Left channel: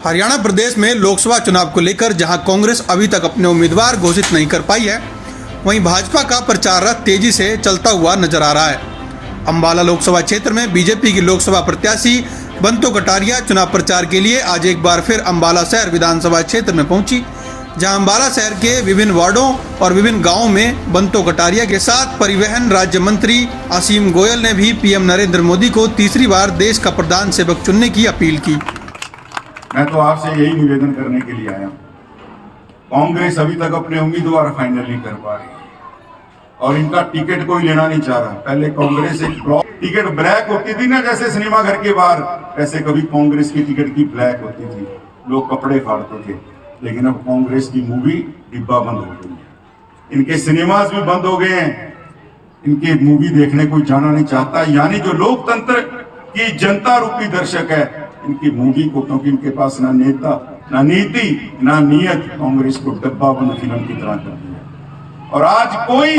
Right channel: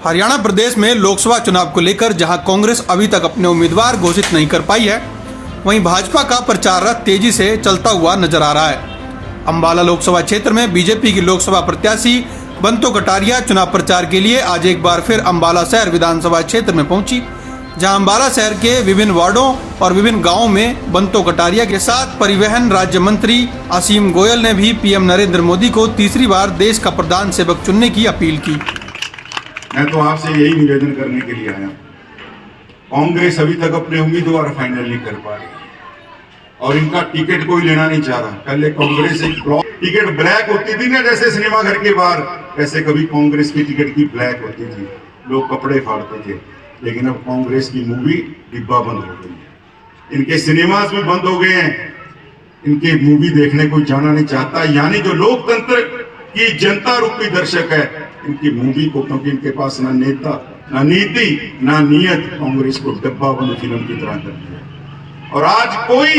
हरियाणा प्रदेश में लोकसभा चुनाव को लेकर जहां कांग्रेस अभी तक अपने उम्मीदवार घोषित नहीं कर पाई है, वहीं भाजपा का प्रचार रथ तेजी से चलता हुआ नजर आ रहा है। अंबाला लोकसभा क्षेत्र में बीजेपी की लोकसभा प्रत्याशी बंतो कटारिया चुनाव प्रचार के लिए आज एक बार फिर अंबाला शहर विधानसभा क्षेत्र में पहुंची, जहां अंबाला शहर के विभिन्न वार्डों और विभिन्न गांवों में बंतो कटारिया के साथ परिवहन राज्य मंत्री असीम गोयल ने भी पीएम नरेंद्र मोदी को तीसरी बार देश का प्रधान सेवक चुनने की अपील की। मैं तो आपसे यही निवेदन करने के लिए आया। कांग्रेस अभी तक अपने उम्मीदवार फाइनल नहीं कर पा रही और इनका टिकट कोई लेना नहीं चाह रहा। पहले कांग्रेस एक टिकट ब्लैक होती थी ना, जैसे सिनेमा घर के बाहर, वैसे कभी कांग्रेस की टिकट की ब्लैक होती थी, लोग कपड़े फाड़ते थे। लेकिन अब कांग्रेस की मूवी डिब्बा बंद हो गई है, इनके सिनेमाज भी बंद हो गए हैं, इनके मूवी देखने कोई जाना नहीं चाहता। यानी जो लोकतंत्र की जनता रूपी दर्शक है, इनकी मूवी को, क्योंकि इनके पास ना नेता, ना नीति, ना नियत, कांग्रेस को डब्बा बंद फिल्म की तरह कर दिया। और आज कोई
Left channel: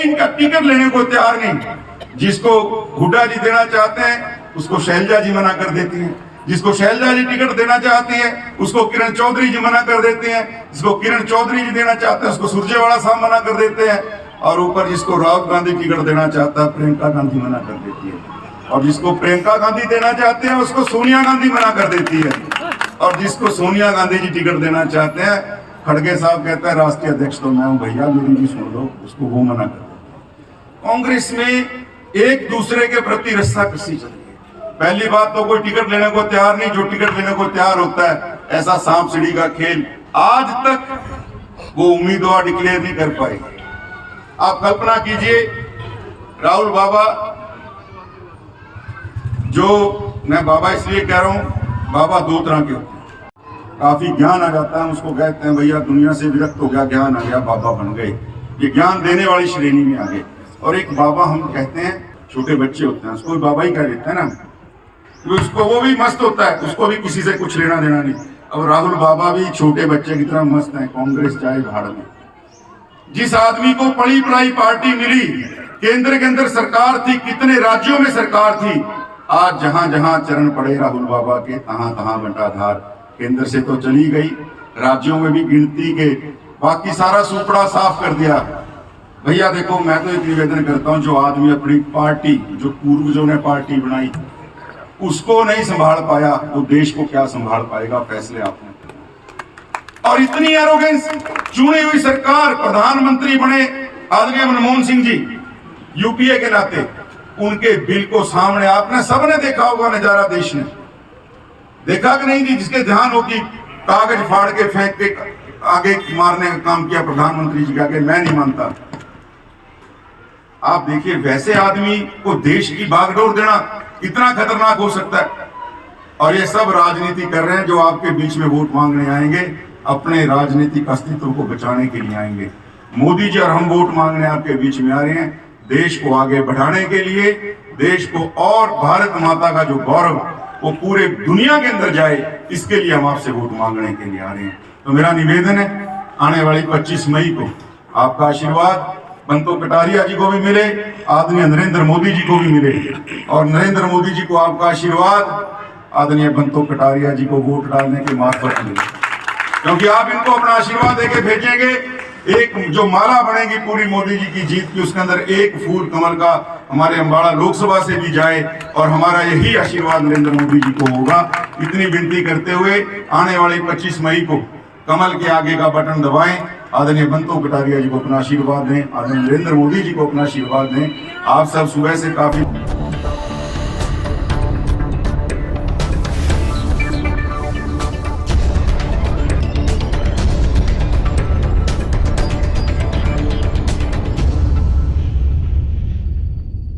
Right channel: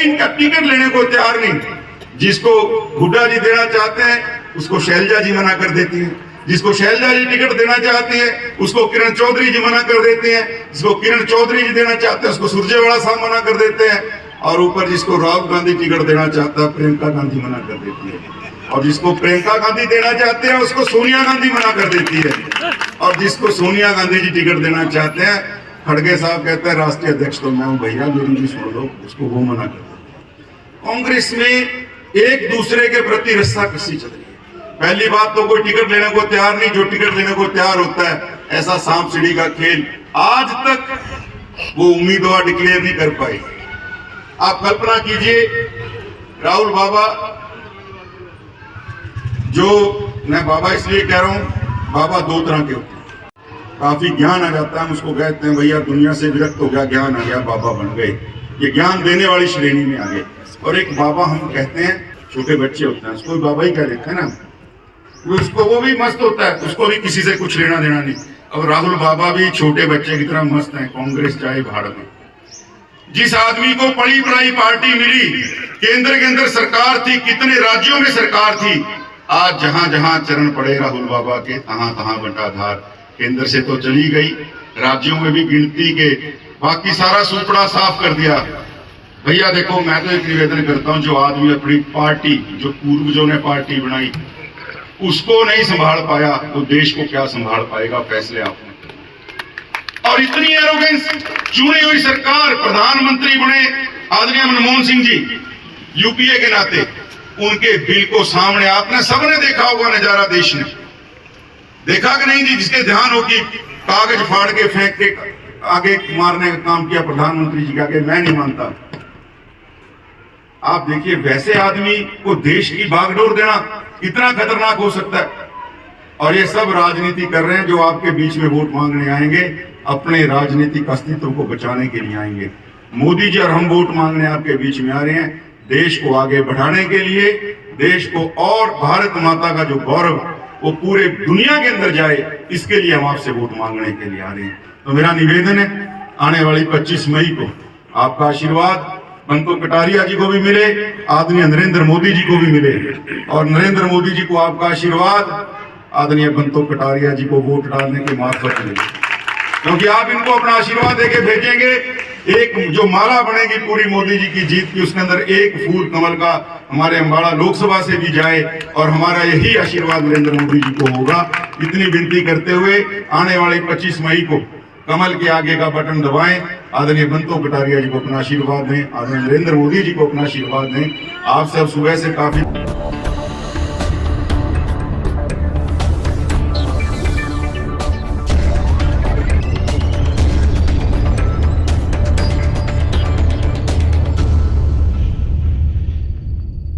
इनका टिकट लेने को तैयार नहीं। जिसको हुड्डा जी देना चाहते हैं उसको शैलजा जी मना कर देती है, जिसको शैलजा जी टिकट देना चाहती है उसको किरण चौधरी जी मना कर देते हैं, जिसको किरण चौधरी जी देना चाहते हैं उसको सुरजेवाला साहब मना कर देते हैं, और ऊपर जिसको राहुल गांधी टिकट देना चाहता है प्रियंका गांधी मना कर देती है, और जिसको प्रियंका गांधी देना चाहते हैं उसको सोनिया गांधी मना कर देती है, और जिसको सोनिया गांधी जी टिकट देना चाहते हैं खड़गे साहब कहते हैं राष्ट्रीय अध्यक्ष तो मैं हूं भैया, मेरी भी सुन लो, उसको वो मना कर देते हैं। कांग्रेस में एक दूसरे के प्रति रस्सा कसी चल रही है। पहली बात तो कोई टिकट लेने को तैयार नहीं, जो टिकट लेने को तैयार होता है ऐसा सांप सीढ़ी का खेल आज तक वो उम्मीदवार डिक्लेयर नहीं कर पाई। आप कल्पना कीजिए, राहुल बाबा, जो मैं बाबा इसलिए कह रहा हूं, बाबा दो तरह के होते हैं। काफी ज्ञान आ जाता है, उसको कहते हैं भैया दुनिया से विरक्त हो गया, ज्ञान आ गया, बाबा बन गए, ये ज्ञान देने वाली श्रेणी में आ गए। और एक बाबा हम कहते हैं, छोटे बच्चे होते हैं उसको बाबा ही कह देते हैं ना, तो उसको वो भी मस्त होता है, उसको भी किसी से कुछ लेना देना नहीं। अब राहुल बाबा भी छोटे बच्चे की तरह मस्त हैं, कांग्रेस चाहे भाड़ में। जिस आदमी को पड़ी पढ़ाई पार्टी मिली, केंद्र के अंदर सरकार थी, कितने राज्यों में सरकार थी, आज जहां जहां चरण पड़े राहुल बाबा के तहां तहां बंटाधार। केंद्र से तो चली गई, राज्यों में भी गिनती के बाकी सारा सुपड़ा साफ कर दिया। भैया देखो, मैं तो एक निवेदन करता हूं, जो आदमी अपनी पार्टी, जो पूर्वजों ने पार्टी बनाई, उसको नहीं संभाल पाया तो देश को क्या संभाल पाएगा? फैसले आपने। और इतनी एरोगेंस, चुनी हुई सरकार, प्रधानमंत्री बने आदरणीय मनमोहन सिंह जी यूपीए के नाते, उनके बिल को सामने आपने सबने देखा होगा, नजारा देश ने देखा कि नहीं जी? जिसके ध्यान हो कि कागज फाड़ के फेंक के आगे मारने का काम किया प्रधानमंत्री जी का, आगे मैं नहीं मानता। आप देखिए, वैसे आदमी को देश की बागडोर देना कितना खतरनाक हो सकता है। और ये सब राजनीति कर रहे हैं, जो आपके बीच में वोट मांगने आएंगे, अपने राजनीतिक अस्तित्व को बचाने के लिए आएंगे। मोदी जी और हम वोट मांगने आपके बीच में आ रहे हैं, देश को आगे बढ़ाने के लिए, देश को और भारत माता का जो गौरव वो पूरे दुनिया के अंदर जाए, इसके लिए हम आपसे वोट मांगने के लिए आ रहे हैं। तो मेरा निवेदन है, आने वाली 25 मई को आपका आशीर्वाद बंतो कटारिया जी को भी मिले, आदरणीय नरेंद्र मोदी जी को भी मिले, और नरेंद्र मोदी जी को आपका आशीर्वाद आदरणीय बंतो कटारिया जी को वोट डालने के मार्फत मिले, क्योंकि आप इनको अपना आशीर्वाद देके भेजेंगे। एक जो माला बनेगी पूरी मोदी जी की जीत की, उसके अंदर एक फूल कमल का हमारे अंबाला लोकसभा से भी जाए, और हमारा यही आशीर्वाद नरेंद्र मोदी जी को होगा। इतनी विनती करते हुए आने वाले 25 मई को कमल के आगे का बटन दबाएं, आदरणीय बंतो कटारिया जी को अपना आशीर्वाद दें, आदरणीय नरेंद्र मोदी जी को अपना आशीर्वाद दें। आप सब सुबह से काफी